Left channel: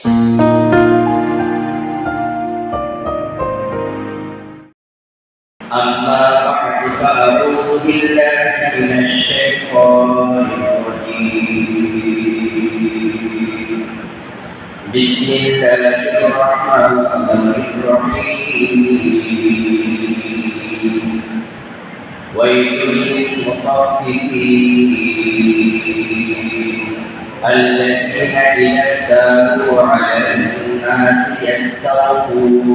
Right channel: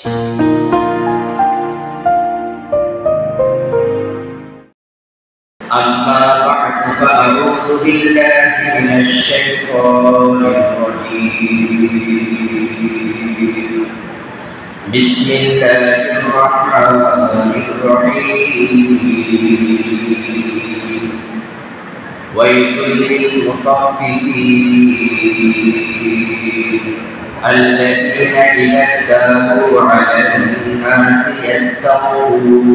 أما بعد فأعوذ بالله من الشيطان الرجيم بسم الله الرحمن الرحيم ويل للمطففين الذين إذا اكتالوا على الناس يستوفون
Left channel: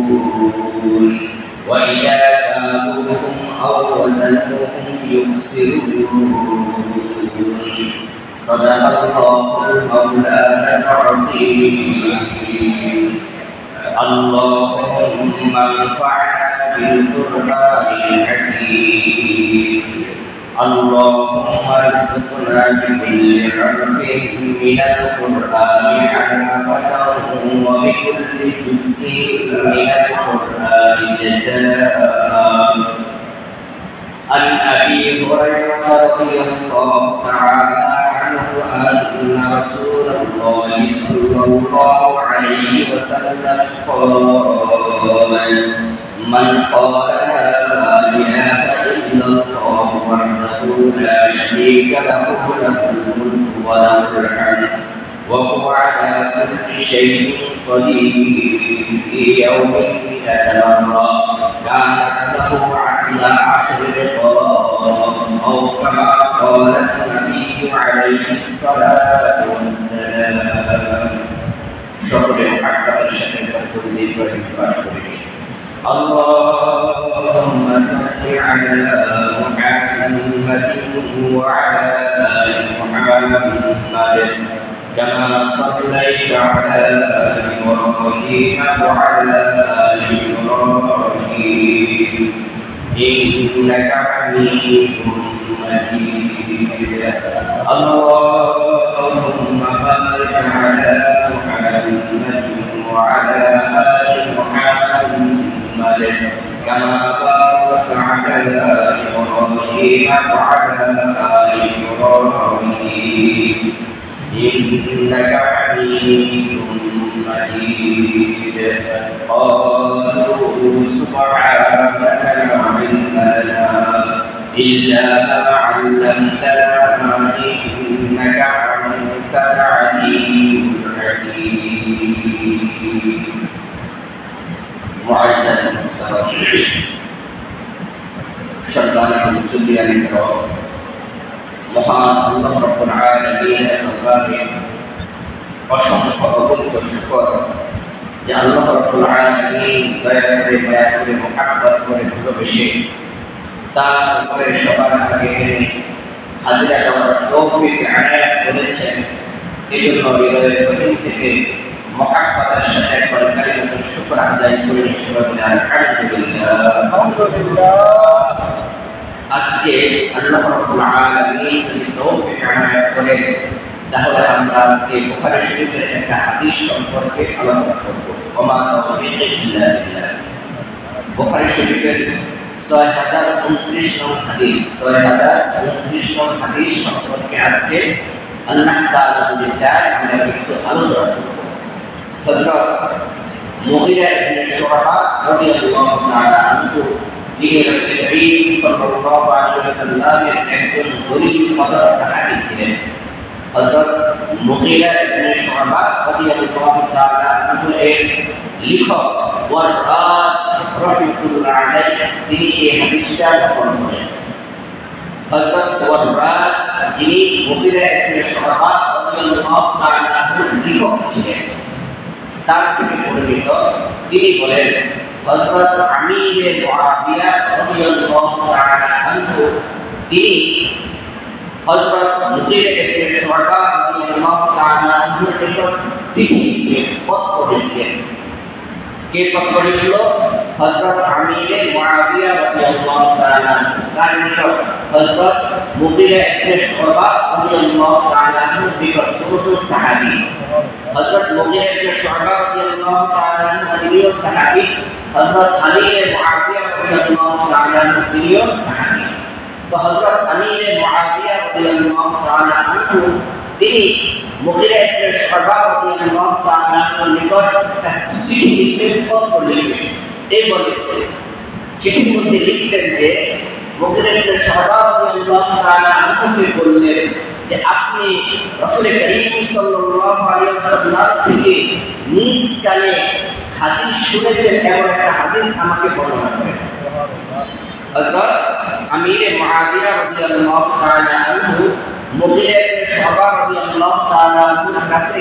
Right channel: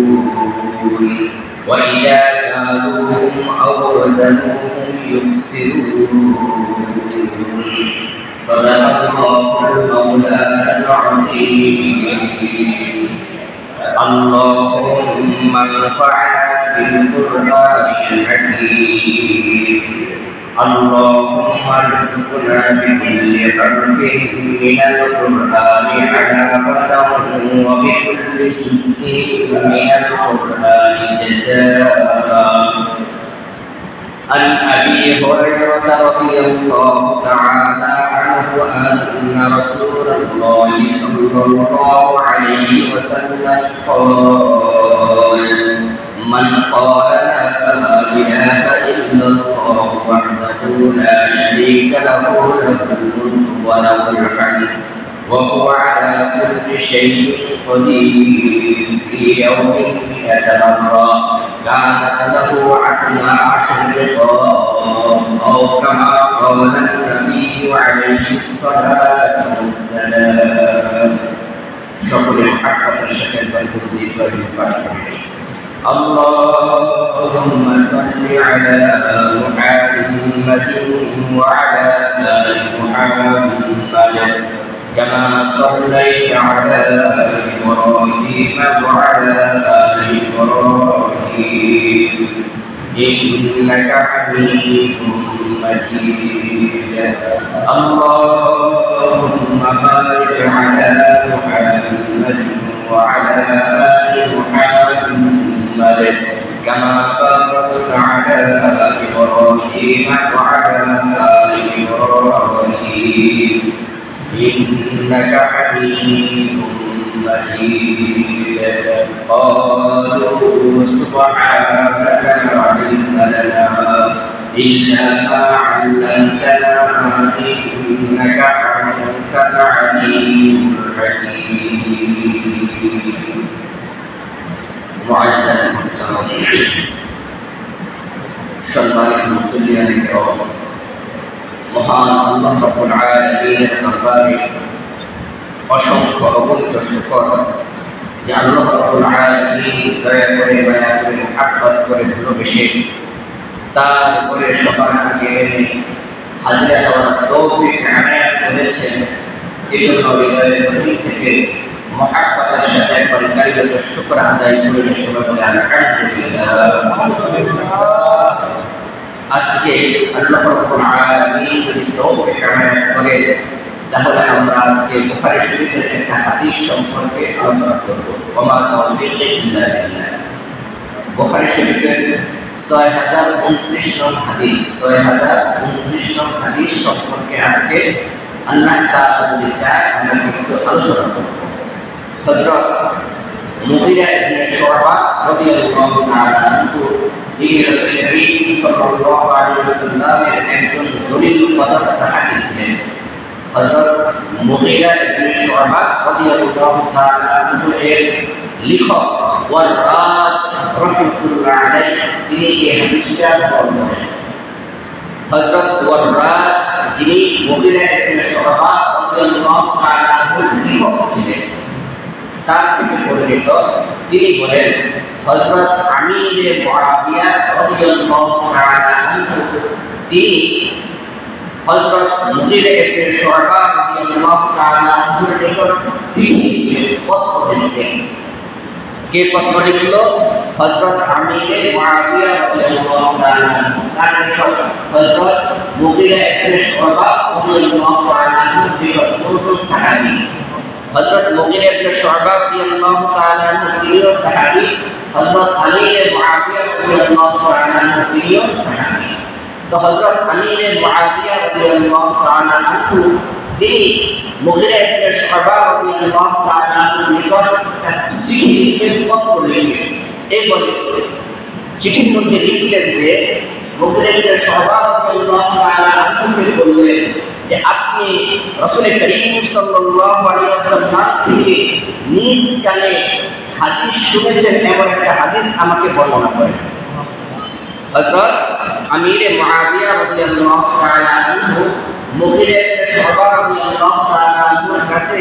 وإذا كالوهم أو وزنوهم يخسرون صدق الله المولانا العظيم اللهم انفعنا بالقرآن الحكيم اللهم ارزقنا بكل حرف من القرآن حلاوة وبكل جزء من القرآن جزاء. عن أبي هريرة رضي الله تعالى عنه أن رسول الله صلى الله عليه وسلم قال: من قال لا إله إلا الله وحده لا شريك له له الملك وله الحمد وهو على كل شيء قدير في يوم 100 مرة كانت له عدل 10 رقاب أو كما قال النبي عليه الصلاة والسلام. সকলে محبة সাথে বরকত ইব্রাহিম পাঠ করি। اللهم صل على محمد وعلى آل محمد كما صليت على إبراهيم وعلى آل إبراهيم إنك حميد مجيد. اللهم بارك على محمد وعلى آل محمد كما باركت على إبراهيم وعلى آل إبراهيم إنك حميد مجيد. قالوا سبحانك لا علم لنا إلا ما علمتنا إنك أنت العليم الحكيم. معزز محترم সম্মানিত মুসল্লিয়ান কিরাম, মহান আল্লাহ রাব্বুল আলামিনের দরবারে অসংখ্য অগণিত শুকর যে আল্লাহ রাব্বুল আলামিন দয়া করে মুহাব্বত করে ভালোবেসে তার উপরে সবার আগে এনে হাজিরা দেওয়ার তৌফিক আনায়াত করেছেন। এজন্য হৃদয়ের গভীর থেকে মুহাব্বতের সাথে একবার কালিমাতুশ শুকর আদায় করে সবাই বলে আলহামদুলিল্লাহ। আজকে আল্লাহ রাব্বুল আলামিন যদি তৌফিক আনায়াত করেন তাহলে আমরা আজকে বুখারী শরীফের একটা হাদিস সম্পর্কে আলোচনা করব। ওমা তাওফীক ইল্লা বিল্লাহ। বুখারী শরীফের 6029 নং হাদিস 6029 নং হাদিস সম্পর্কে আজকে আল্লাহ তাআলা যদি চায় আমরা কিছু আলোচনা করব। হযরত মুগীরা ইবনে শুআবা রাদিয়াল্লাহু তাআলা আনহু যিনি রাসূল করিম সাল্লাল্লাহু আলাইহি ওয়াসাল্লামের একজন জলিল কদর সাহাবী ছিলেন। হযরত মুগীরা ইবনে শুআবা রাদিয়াল্লাহু তাআলা আনহু এর লেখক ওয়ারাদ রাহমাতুল্লাহ আলাইহি তিনি এই হাদিসটা বর্ণনা করেন। হযরত ওয়ারাদ যিনি মুগীরা ইবনে শুআবা রাদিয়াল্লাহু তাআলা আনহুর লেখক ছিলেন, তার থেকে বর্ণিত তিনি বলেন হযরত আমির মুআবিয়া রাদিয়াল্লাহু তাআলা আনহু তিনি হযরত মুগীরা ইবনে শুআবা রাদিয়াল্লাহু তাআলা আনহুর নিকট চিঠি পত্র লিখতেন। কে পত্র লিখলো? হযরত আমির মুআবিয়া রাদিয়াল্লাহু তাআলা আনহু তার নিকট হযরত মুগীরা ইবনে শুআবা রাদিয়াল্লাহু তাআলা আনহুর নিকট দুটো সাহাবী হযরত মুগীরা ইবনে শুআবা রাদিয়াল্লাহু তাআলা আনহু তিনিও সাহাবী, হযরত আমির মুআবিয়া রাদিয়াল্লাহু তাআলা আনহু তিনিও সাহাবী। তো হযরত আমির মুআবিয়া রাদিয়াল্লাহু তাআলা আনহু তিনি মুগীরা ইবনে শুআবা রাদিয়াল্লাহু তাআলা আনহুর নিকট একটা চিঠি লিখলেন, পত্র লিখলেন। এই বলে চিঠির মধ্যে লিখলেন যে মুগীরা ইবনে শুআবা রাদিয়াল্লাহু তাআলা আনহুকে বললেন যে আপনি রাসূল করিম সাল্লাল্লাহু আলাইহি ওয়াসাল্লাম থেকে নিজ কানে হাদিস শুনেছেন এমন একটা হাদিস আমাকে বর্ণনা করেন। হযরত আমির মুআবিয়া রাদিয়াল্লাহু তাআলা আনহু মুগীরা ইবনে শুআবা রাদিয়াল্লাহু তাআলা আনহুর কাছে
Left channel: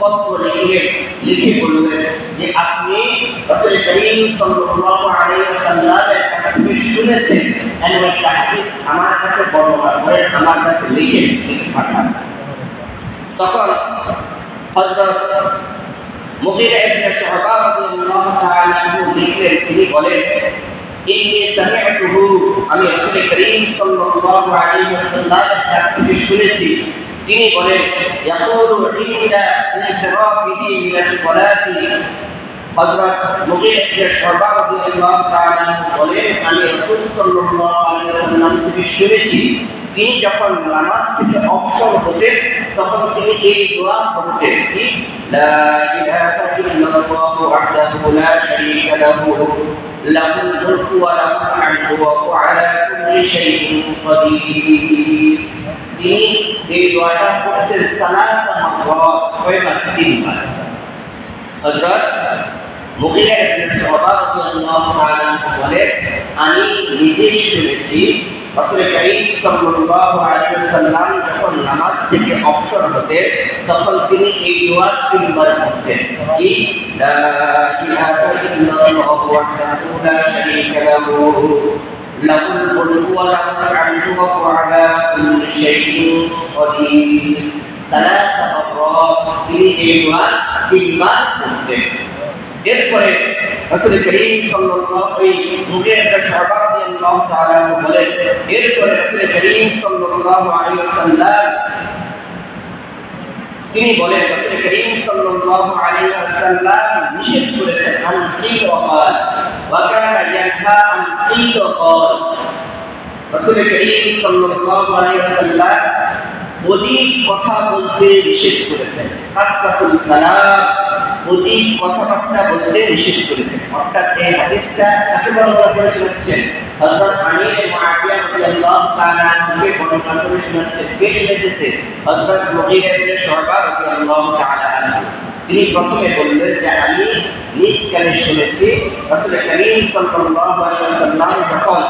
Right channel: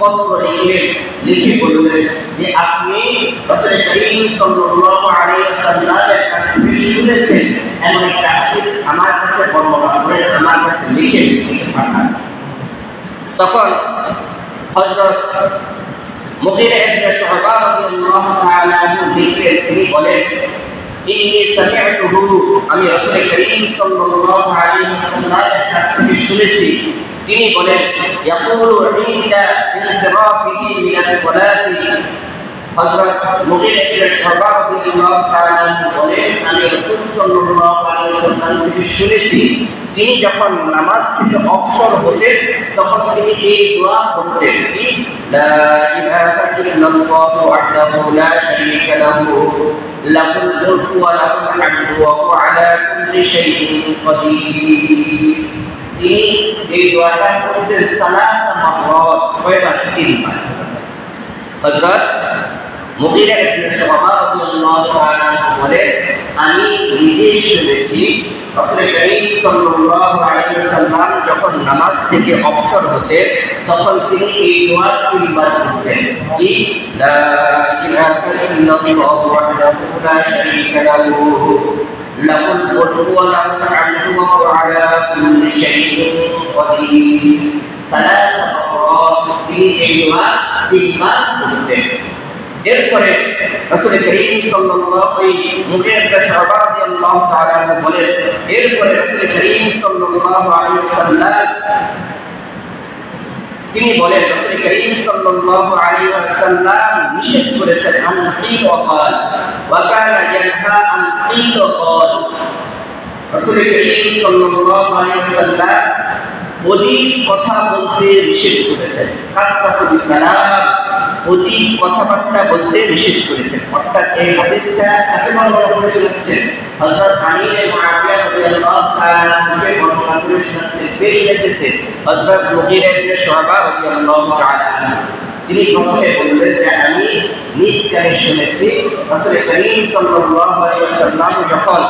পত্র লিখলেন, লিখে বললেন যে আপনি রাসূল করিম সাল্লাল্লাহু আলাইহি ওয়াসাল্লামের কাছ থেকে শুনেছেন এমন একটা হাদিস আমার কাছে বর্ণনা করেন, আমার কাছে লিখে পাঠান। তখন হযরত মুগীরা ইবনে শুআবা রাদিয়াল্লাহু তাআলা আনহু লিখলেন, তিনি বলেন ইন্নী সামি'তুহু, আমি রাসূল করিম সাল্লাল্লাহু আলাইহি ওয়াসাল্লামের কাছ থেকে শুনেছি, তিনি বলেন ইয়াকুলু ইনদা ইনসিরাফিহি মিনাস সালাতি। হযরত মুগীরা ইবনে শুআবা রাদিয়াল্লাহু তাআলা আনহু বলেন আমি রাসূল সাল্লাল্লাহু আলাইহি ওয়াসাল্লাম থেকে শুনেছি তিনি যখন নামাজ থেকে অবসর হতেন তখন তিনি এই দোয়া পড়তেন, কি লা ইলাহা ইল্লাল্লাহু ওয়াহদাহু লা শারীকা লাহু লাহুল মুলকু ওয়া লাহুল হামদু ওয়া হুয়া আলা কুল্লি শাইইন কাদির। তিনি এই দোয়াটা পড়তেন সালাসা মাররাত, কয়বার? 3 বার। হযরত মুগীরা ইবনে শুআবা রাদিয়াল্লাহু তাআলা বলেন আমি নিজে শুনেছি রাসূল করিম সাল্লাল্লাহু আলাইহি ওয়াসাল্লাম যখন নামাজ থেকে অবসর হতেন তখন তিনি এই দোয়া 3 বার পড়তেন, কি লা ইলাহা ইল্লাল্লাহু ওয়াহদাহু লা শারীকা লাহু লাহুল মুলকু ওয়া লাহুল হামদু ওয়া হুয়া আলা কুল্লি শাইইন কাদির। সালাসা মাররাত তিনি এই দোয়া 3 বার পড়তেন। এরপরে রাসূল করিম সাল্লাল্লাহু আলাইহি মুগীরা ইবনে শুআবা রাদিয়াল্লাহু তাআলা আনহু বলেন এরপরে রাসূল করিম সাল্লাল্লাহু আলাইহি ওয়াসাল্লাম তিনি বলেন রাসূল করিম সাল্লাল্লাহু আলাইহি ওয়াসাল্লাম নিষেধ করেছেন আন কিল ওয়া ক্বাল ওয়া কানা ইয়ানহা আন কিল ওয়া ক্বাল। রাসূল করিম সাল্লাল্লাহু আলাইহি ওয়াসাল্লাম অধিক কথা বলতে নিষেধ করেছেন, কাসরাতুল কালাম অধিক কথাবার্তা বলতে নিষেধ করেছেন। অর্থাৎ এই হাদিসটা কাকে বর্ণনা করে শোনাচ্ছেন? হযরত আমির মুআবিয়া রাদিয়াল্লাহু তাআলা আনহুকে বর্ণনা করে শোনাচ্ছেন। কে শোনাচ্ছেন? হযরত মুগীরা ইবনে শুআবা রাদিয়াল্লাহু তাআলা আনহু। তিনি প্রথমে বললেন যে আমি নিজ কানে শুনেছি রাসূল করিম সাল্লাল্লাহু আলাইহি ওয়াসাল্লাম যখন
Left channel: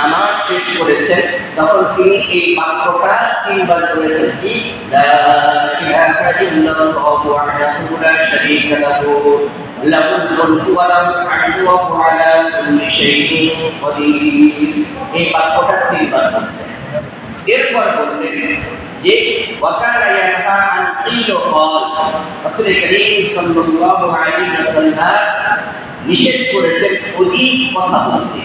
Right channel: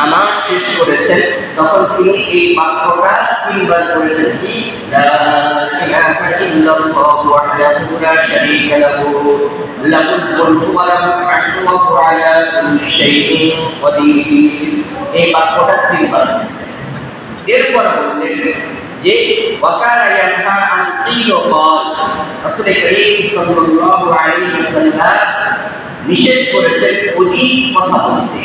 নামাজ শেষ করেছেন তখন তিনি এই বাক্যটা 3 বার করেছেন, কি লা ইলাহা ইল্লাল্লাহু ওয়াহদাহু লা শারীকা লাহু লাহুল মুলকু ওয়া লাহুল হামদু ওয়া হুয়া আলা কুল্লি শাইইন কাদির। এই বাক্যটা 3 বার বলছেন। এরপর বললেন যে ওয়া কানা ইয়ানহা আন কিল ওয়া ক্বাল, রাসূল করিম সাল্লাল্লাহু আলাইহি ওয়াসাল্লাম নিষেধ করেছেন অধিক কথা বলতে,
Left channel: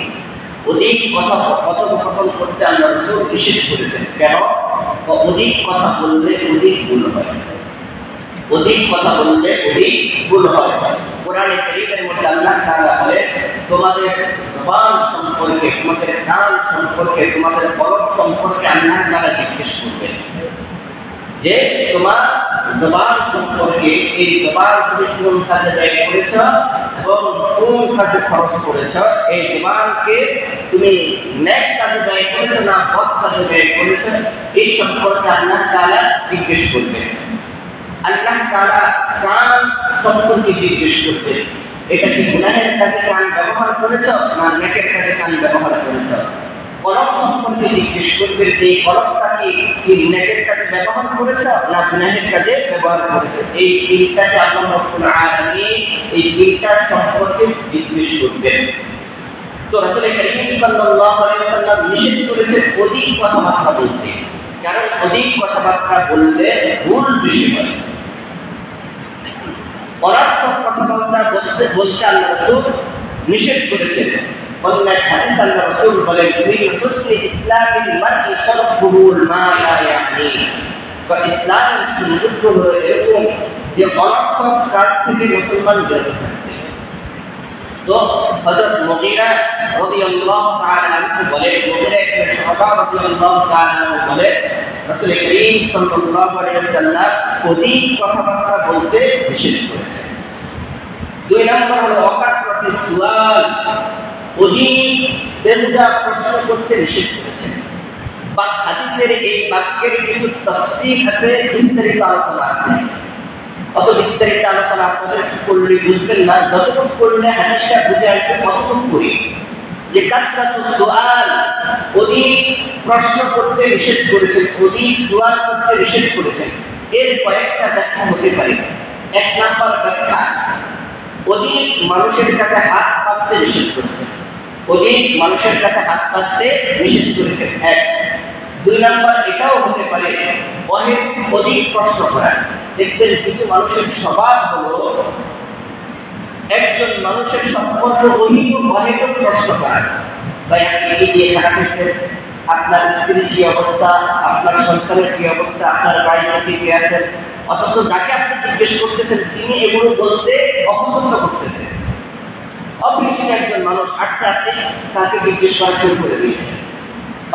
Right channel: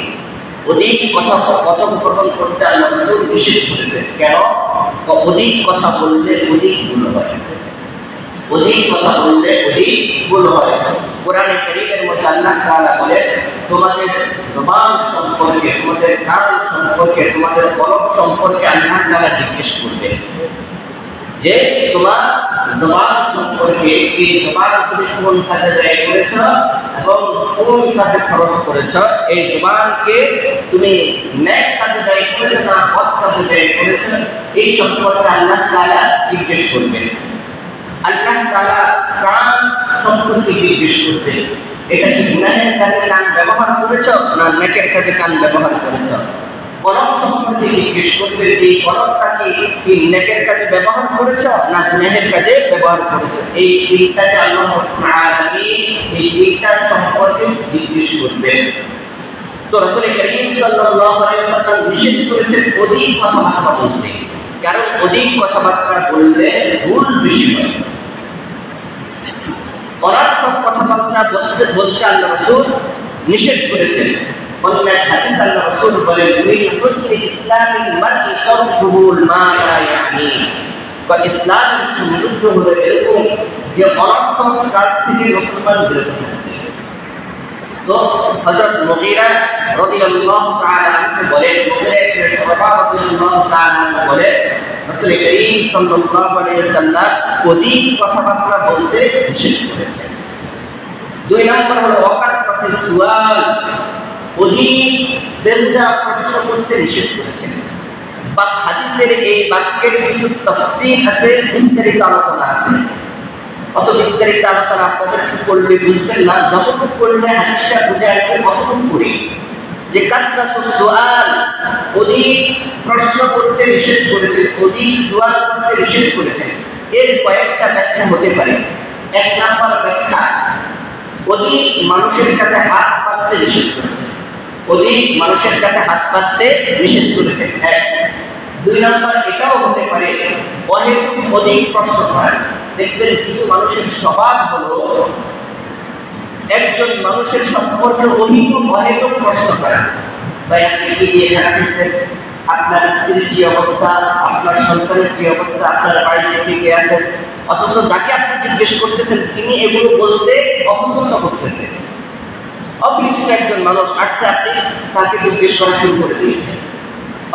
অধিক কথোপকথন করতে আল্লাহ রাসূল নিষেধ করেছেন। কেন? অধিক কথা বললে অধিক ভুল হয়, অধিক কথা বললে অধিক ভুল হয়। কোরআনে কারীমের মধ্যে আল্লাহ তাআলা বলেন তোমাদের জবান সম্পর্কে, তোমাদের কান সম্পর্কে, তোমাদের কলব সম্পর্কে আল্লাহ তাআলা জিজ্ঞেস করবেন যে তোমার জবান সম্পর্কে, এই জবান তুমি কোন কাজে ব্যয় করেছ এবং কোন কাজে খরচ করেছ, এই জবানকে তুমি নেক কাজে ব্যয় করেছ না বদ কাজে ব্যয় করেছ, এই সম্পর্কে আল্লাহ তাআলা জিজ্ঞেস করবেন। আল্লাহ তাআলা কান সম্পর্কে জিজ্ঞেস করবেন, এটা কি গুনাহের কাজে কান ব্যবহার করেছ না নেকের কাজে কান ব্যবহার করেছ। কলব সম্পর্কে জিজ্ঞেস করবেন, এই কলবটা কি নেকের কাজে ব্যবহার করেছ না গুনাহের কাজে ব্যবহার করেছ। এই 3টাকে আল্লাহ রাব্বুল আলামিন এই 3টা সম্পর্কে জিজ্ঞেস করবেন। তো রাসূল করিম সাল্লাল্লাহু আলাইহি ওয়াসাল্লাম নিষেধ করেছেন অধিক কথাবার্তা বলতে, কারণ অধিক কথাবার্তা বললে ভুল বেশি হয়। অনর্থক কথাবার্তা বলতে আল্লাহ রাসূল নিষেধ করেছেন। অন্য এক হাদিস আল্লাহ রাসূল বলেন মিন হুসনি ইসলামিল মারই তারকুহুল মা লা ইয়ানি, বা ইসলামের সৌন্দর্য হলো এরকম যে অনর্থক কাজ থেকে মুসলমান বিরত থাকবে। তো হযরত মুগীরা রাদিয়াল্লাহু তাআলা আনহু বলেন, মুগীরা ইবনে শুআবা রাদিয়াল্লাহু তাআলা আনহু বলেন রাসূল করিম সাল্লাল্লাহু আলাইহি ওয়াসাল্লাম অধিক কথাবার্তা বলতে নিষেধ করেছেন। 2 নম্বর হলো ওয়াকাসরাতুস সুয়াল, অধিক বেহুদা প্রশ্ন করতে নিষেধ করেছেন। বা হাদিসের এই বাক্যের কিছু তাফসীর আছে, বিস্তারিত আলোচনা আছে। অত বিস্তারিত আলোচনা আপনাদের কি করলে বুঝবেন না, যতটুকু করলে হাদিসটা বুঝে আসবে ততটুকু করি। যে কাসরাতুস সুআল, অধিক প্রশ্ন করতে নিষেধ করেছেন, অধিক সুয়াল করতে নিষেধ করেছেন। এর কয়েকটা ব্যাখ্যা হতে পারে। 1 নম্বর ব্যাখ্যা, অধিক মানুষের কাছে হাত পাততে নিষেধ করেছেন, অধিক মানুষের কাছে হাত পাততে নিষেধ করেছেন 1। 2 নম্বর এটাও হতে পারে অহেতুক অধিক প্রশ্ন করা। দেখবেন কিছু মানুষের স্বভাব হলো একজন মানুষের সম্পর্কে অহেতুক প্রশ্ন করা। ভাই আপনি কি দিয়ে খারাপ হয়েছেন, আপনার স্ত্রীর কি অবস্থা, আপনার সন্তানের কি অবস্থা, আপনার বাড়িতে কে কে আছেন, অথচ যাকে আপনি জিজ্ঞেস করতেছেন তিনি এগুলো বলতে অপছন্দ করতেছেন। অপরিচিত একজন মানুষ আসছে, আপনি তাকে জিজ্ঞেস করা শুরু করে দিয়েছেন,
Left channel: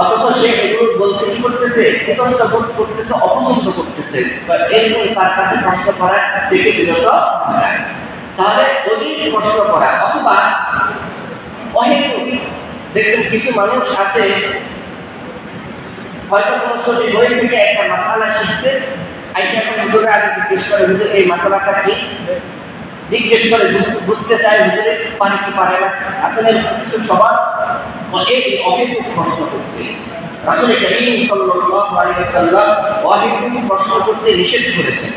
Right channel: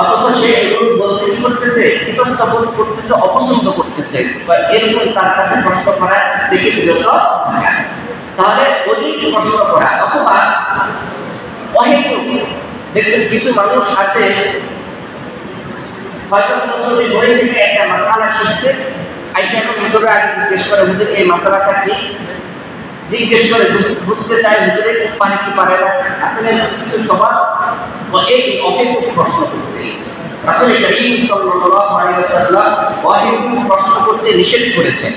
অথচ সে এগুলো বলতে কি করতেছে, ইতস্তত বোধ করতেছে, অপছন্দ করতেছে, বা এরকম তার কাছে প্রশ্ন করা থেকে বিরত থাকা। তাহলে অধিক প্রশ্ন করা অথবা অহেতুক। দেখবেন কিছু মানুষ আছে হয়তো কোনো ছবি বই থেকে একটা মাসালা শিখছে, আইসা এখন হুজুরে আগে জিজ্ঞেস করে, হুজুর এই মাসালাটা কি, জিজ্ঞেস করে বুঝতে চায় হুজুরে পারে কি পারে না। আসলে কিছু স্বভাব এই অহেতুক প্রশ্ন করতে রাসূল করিম সাল্লাল্লাহু আলাইহি ওয়াসাল্লাম অহেতুক প্রশ্ন করতে নিষেধ করেছেন।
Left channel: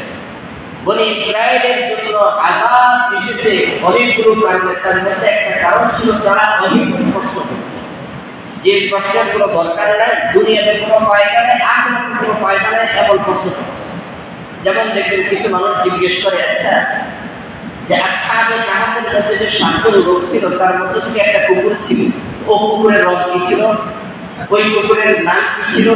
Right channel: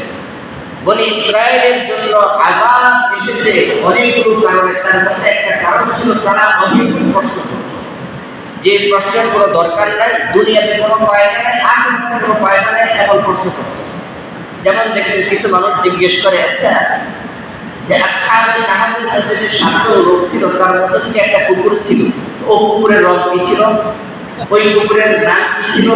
বনি ইসরায়েলের জন্য আযাব এসেছে অনেকগুলো কারণে, তার মধ্যে একটা কারণ ছিল তারা অহেতুক প্রশ্ন করত। যে প্রশ্নের কোনো দরকার নাই, দুনিয়াতে কোনো ফায়দা নাই, আখিরাতে কোনো ফায়দা নাই, এমন প্রশ্ন করত। যেমন দেখবেন কিছু মানুষ জিজ্ঞেস করে, আচ্ছা যে আসহাবে কাহাফের মধ্যে যে 7টা লোক ছিল তার মধ্যে থেকে একটা কুকুর ছিল, ও কুকুরের রং কি ছিল, ওই কুকুরের নাম কি ছিল।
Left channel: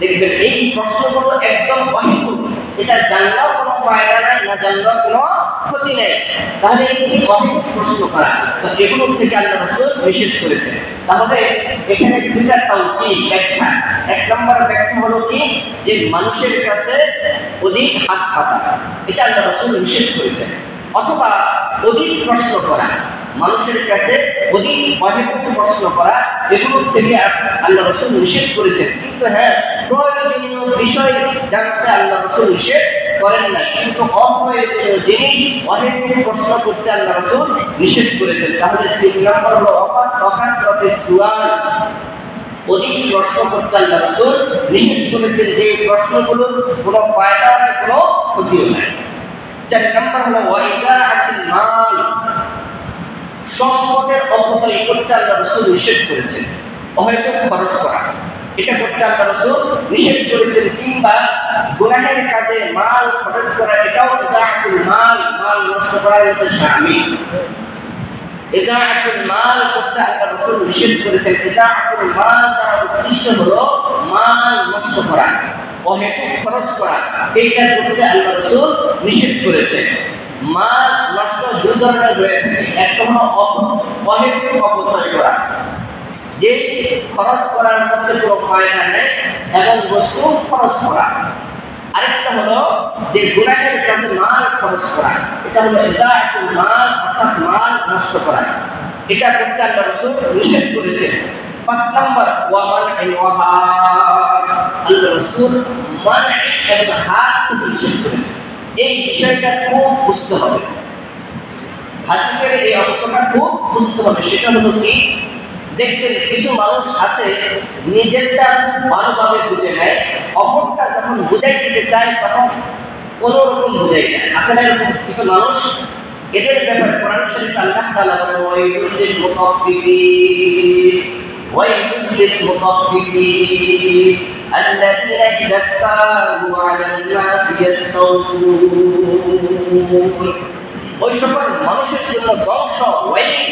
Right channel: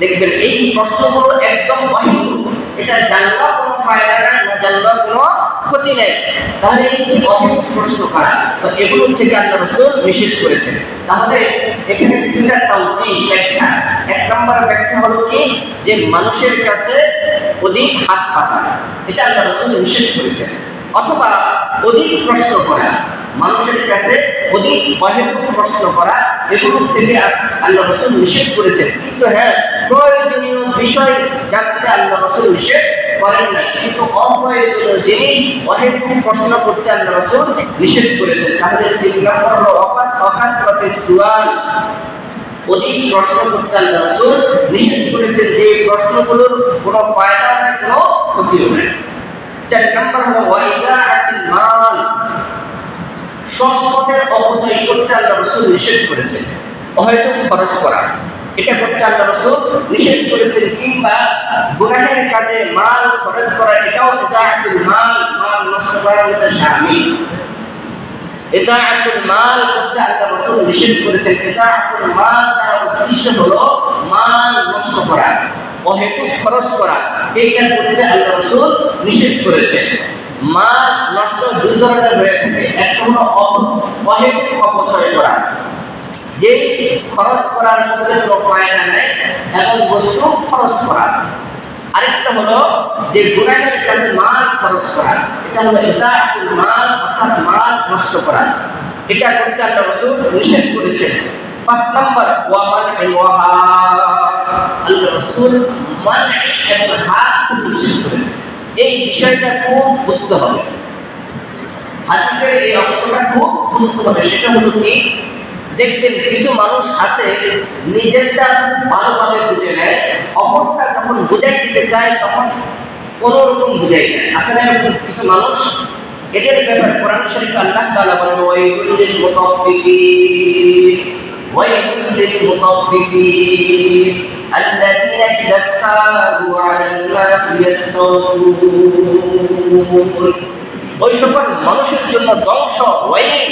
দেখবেন এই প্রশ্নগুলো একদম অহেতুক, এটা জানলেও কোনো ফায়দা নাই, না জানলেও কোনো ক্ষতি নেই। তাহলে এই অহেতুক প্রশ্ন করা, তো এগুলোর থেকে আল্লাহ রাসূল নিষেধ করেছেন। তাহলে এখানে 2টা তাওজীহ ব্যাখ্যা। 1 নম্বর ব্যাখ্যা হলো কি, যে মানুষের কাছে অধিক হাত পাতা, এটা আল্লাহ রাসূল নিষেধ করেছেন। অথবা অধিক প্রশ্ন করা, মানুষের কাছে অধিক অহেতুক প্রশ্ন করা, এগুলোর থেকে আল্লাহ রাসূল নিষেধ করেছেন। কিন্তু হ্যাঁ, প্রয়োজনীয় বিষয় জানতে আল্লাহ রাসূল নিষেধ করেন না, কিন্তু অপ্রয়োজনীয় জিনিস অহেতুক প্রশ্ন করতে আল্লাহ রাসূল নিষেধ করেছেন। তাহলে 3 নম্বর হলো ওয়াকাসরাতুস সুয়াল, অধিক প্রশ্ন করতে আল্লাহ রাসূল নিষেধ করেছেন, যে প্রশ্নগুলোর কোনো ফায়দা নেই, কোনো ক্ষতিও নেই। 4 নম্বর হলো ওয়াইদাআতুল মাল, সম্পদের অপচয় করতে আল্লাহ রাসূল নিষেধ করেছেন। অহেতুক খরচ করা, এটা করতে আল্লাহ রাসূল নিষেধ করেছেন। কিংবা গুনাহের কাজে মাল খরচ করা, এটাও ইদাআতুল মাল, মাল নষ্ট করার মধ্যে শামিল। ইদাআতুল মাল করতে আল্লাহ রাসূল নিষেধ করেছেন। ইদাআতুল মাল তার উদ্দেশ্য হলো মাল নষ্ট করা, অহেতুক খরচ করা, এইটা করতে আল্লাহ রাসূল নিষেধ করেছেন। মাল নষ্ট 2 ধরনের হয়ে থাকে। একটা হলো অহেতুক অপচয় করা, যে খরচ করার মধ্যে কোনো ফায়দা নেই এমন বস্তু খরচ করা। আরেকটা হলো যে গুনাহের কাজে মাল খরচ করা, এটা হলো ইদাআতুল মাল, অর্থাৎ মাল নষ্ট করা। এটা করতে আল্লাহ রাসূল নিষেধ করেছেন। 5 নম্বর ওয়ামানউল ওয়াহাব, আল্লাহ রাসূল মানঈ এবং হাত থেকে নিষেধ করেছেন। এই বিষয়টা খুব বুঝতে হবে, হাদিসের এই অংশটা খুব বুঝতে হবে। সেটা হলো কি, দেখবেন কিছু মানুষ আছে নিজেরটা ভালোভাবে বুঝে নেয়, অপরটা যখন বুঝাই দিতে চায় তখন কোনো রকম বুঝাই দেয়। আসলে এরকম কিছু মানুষ, এদের ব্যাপারে কোরআন শরীফে আল্লাহ তাআলা বলেন ওয়াইলুল লিল মুতাফফিফিন, ওয়াইলুল লিল মুতাফফিফিন الذين إذا اكتالوا على الناس يستوفون। ওই সকল মানুষের জন্য ধ্বংস, ওয়াইল।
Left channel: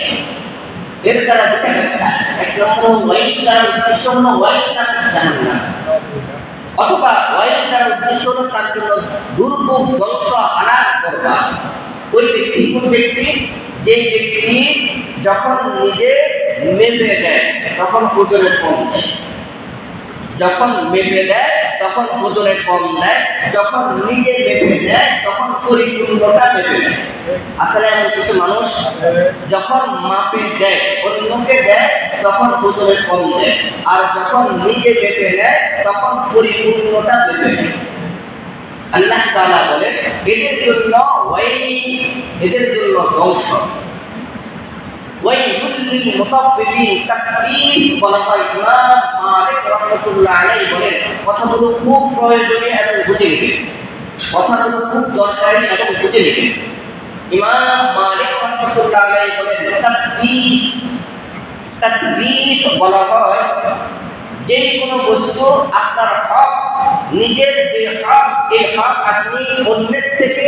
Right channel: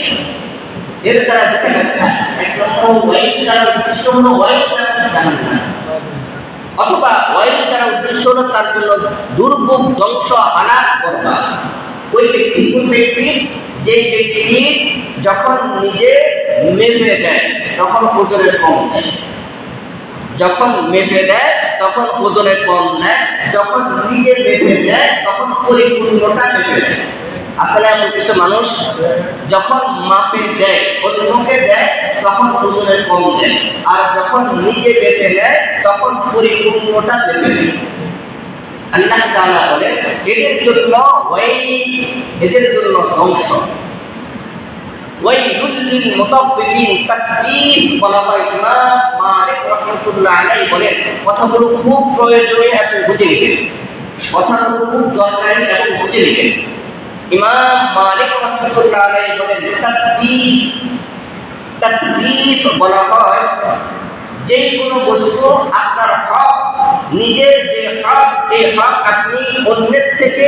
এর দ্বারা দুটো ব্যাখ্যা। 1 নম্বর ওয়াইল দ্বারা উদ্দেশ্য হলো ওয়াইল জাহান্নাম, অথবা ওয়াইল দ্বারা উদ্দেশ্য হলো তার জন্য দুর্ভোগ, ধ্বংস, হালাক করবা। ওই ব্যক্তি, কোন ব্যক্তি, যে ব্যক্তি যখন নিজে মেপে দেয় তখন ওজনে কম দেয়, যখন মেপে দেয় তখন ওজনে কম দেয়, যখন নিজে মেপে দেয় তখন পরিপূর্ণতা মেপে দেয়। আসলে এমন কিছু মানুষ যখন মাপে দেয়, অন্যকে দেয়, তখন ওজনে কম দেয়, আর যখন নিজে মেপে নেয় তখন পরিপূর্ণতা মেপে নেয়। আল্লাহ তাআলা বলেন এদের জন্য ধ্বংস। ওয়াইলুল লিল মুতাফফিফিন, তাকফীর বলা হয়। ইমাম মালিক রাহমাতুল্লাহ আলাইহি বলেন কথাগুলো খুব প্রয়োজনীয় এবং বুঝে নিতে, কথাগুলো খুব দরকারি এবং বুঝে নিতে। ইমাম মালিক রাহমাতুল্লাহ আলাইহি বলেন তাকফীর বলা হয় যে কোনো বস্তু আপনার হক, নিজের যে হক, এই হক আপনি অন্যের থেকে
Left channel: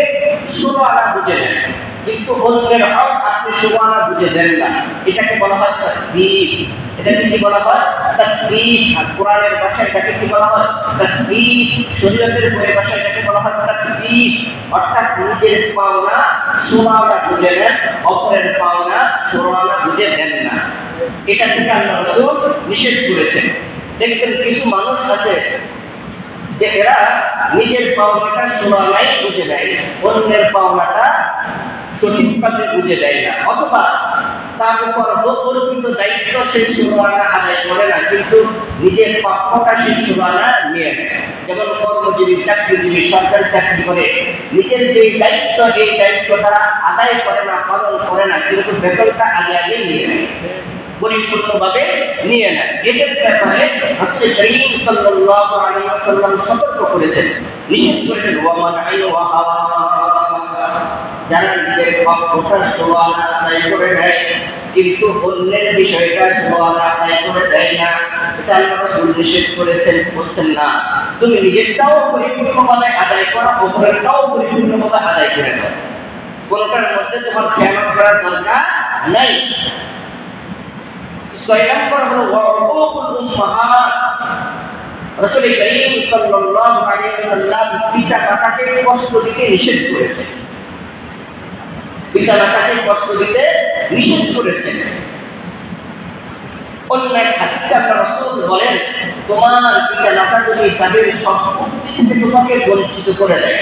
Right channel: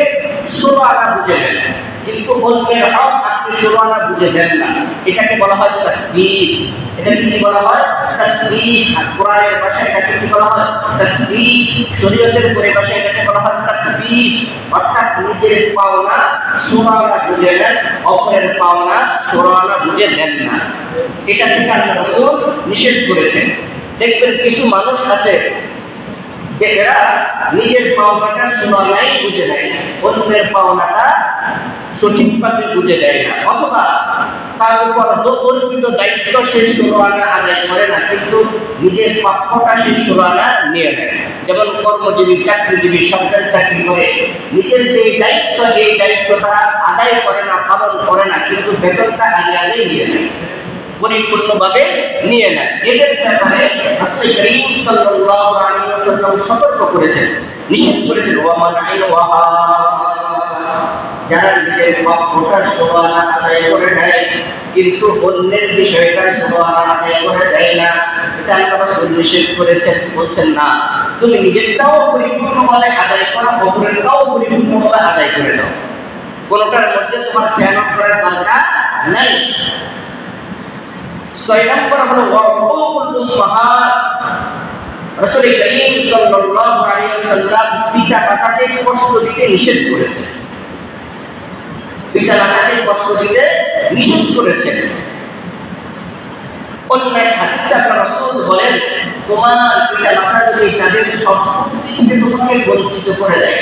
16 আনা বুঝে নেন, কিন্তু অন্যের হক আপনি 16 আনা বুঝে দেন না, এটাকে বলা হয় তাকফীর। এটাকে কি বলা হয়? তাকফীর। আর কোরআনের ভাষায় এটাকে কি বলা হয়? তাকফীর। শরীয়তের পরিভাষায় এটাকে বলা হয় তাকফীর। অর্থাৎ নিজের পাওনা 16 আনা বুঝে নেন, অপরের পাওনা 16 আনা বুঝে দেন না। এটা থেকে আল্লাহ রাসূল নিষেধ করেছেন। দেখবেন কিছু মানুষ আছে যে এরা নিজের পাওনাটা 16 আনাই বুঝে নেয়, অন্যের পাওনাটা সঠিকভাবে বুঝে দেয় না, অথবা তার উপর অর্পিত দায়িত্ব সে 16 আনা আদায় করে না, কিন্তু নিজের প্রাপ্যটা সে 16 আনা নিয়ে নেয়। যেমন কর্মজীবী, চাকরিজীবী, সরকারি চাকরি করে নিজের যে দায়িত্ব, এই দায়িত্বটা আদায় করে না, পালন করে না, কিন্তু বেতনটা আগে নিয়ে নেয়, পরিপূর্ণভাবে নিয়ে নেয়। এদের ব্যাপারে রাসূল করিম সাল্লাল্লাহু আলাইহি ওয়াসাল্লাম সতর্ক করেছেন, নিষেধ করেছেন। যারা নিজের প্রাপ্যটা 16 আনা আদায় করে নেয় কিন্তু অন্যের বিষয়টা 16 আনা আদায় করে দেয় না, এটা আল্লাহ রাসূল নিষেধ করেছেন। বলছেন না, তুমি নিজেরটাও পরিপূর্ণভাবে আদায় করো, অপরেরটাও পরিপূর্ণভাবে আদায় করে দাও, কোনটার মধ্যে তোমার খেয়ানত করার দরকার নাই। 6 নম্বর হলো ওয়াকুল উম্মাহাত। রাসূল করিম সাল্লাল্লাহু আলাইহি ওয়াসাল্লাম পিতা-মাতাকে কষ্ট দিতে নিষেধ করেছেন, পিতা-মাতাকে কষ্ট দিতে নিষেধ করেছেন। অন্য এক হাদিসে আল্লাহ রাসূল বলেন, তোমার পিতা-মাতা যদি তাদের সম্পত্তি থেকে তোমাকে বঞ্চিত করে দেয়,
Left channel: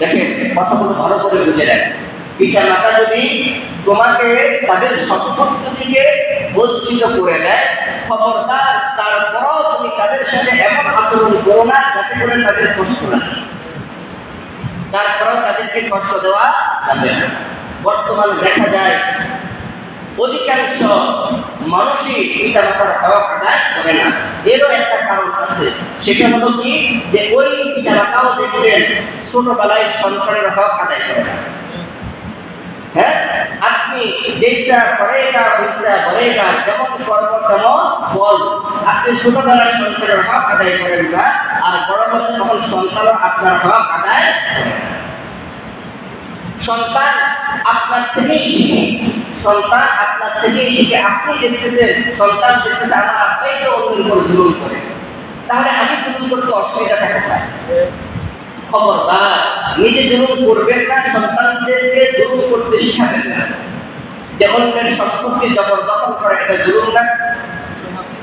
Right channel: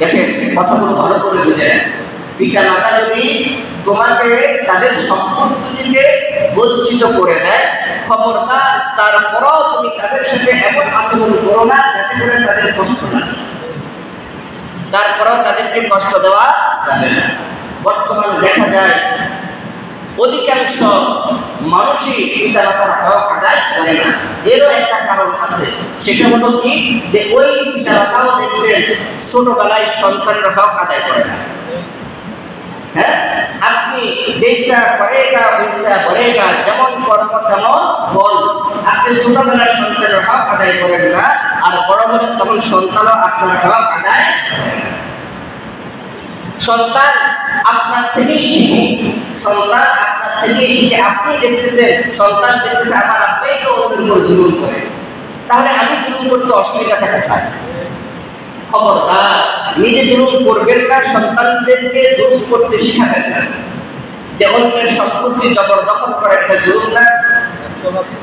দেখেন কথাগুলো ভালো করে বুঝে নেন, পিতা-মাতা যদি তোমাকে তাদের সম্পত্তি থেকে বঞ্চিত করে দেয়, খবরদার তারপরও তুমি তাদের সাথে এমন আচরণ করো না যাতে করে তাদের কষ্ট লাগে, তারপরও তাদেরকে কষ্ট দেওয়া যাবে না। বর্তমানে দেখা যায় অধিকাংশ মানুষই পিতামাতার হক আদায় করে না। এরও একটা কারণ আছে, সেটা হলো কি, যে ওই পিতামাতাও দেখবেন ছোটবেলায় সন্তানের হক আদায় করে না। হ্যাঁ, আপনি যেইটা করেগা ওইটা বলেগা, যেমন কর্ম তেমন বল। আপনি ছোটবেলার সন্তানের হক আদায় করেন না, আর বড় হলেন তখন সন্তানও আপনার হক আদায় করে না। সন্তান আপনার থেকেই শিখে, সন্তান আপনার থেকেই শিখে। আপনি দেখতেছেন, সন্তান দেখতেছে আমার আব্বাই তো অন্যের উপর জুলুম করে, তাহলে আমি জুলুম করতে অসুবিধাটা কোথায়? খবরদার, নিজে জুলুম করবেন না, সন্তানদেরকে জুলুম করতে শিখাবেন না। যে অন্যের সম্পত্তি জবরদখল করা একটা জুলুম না?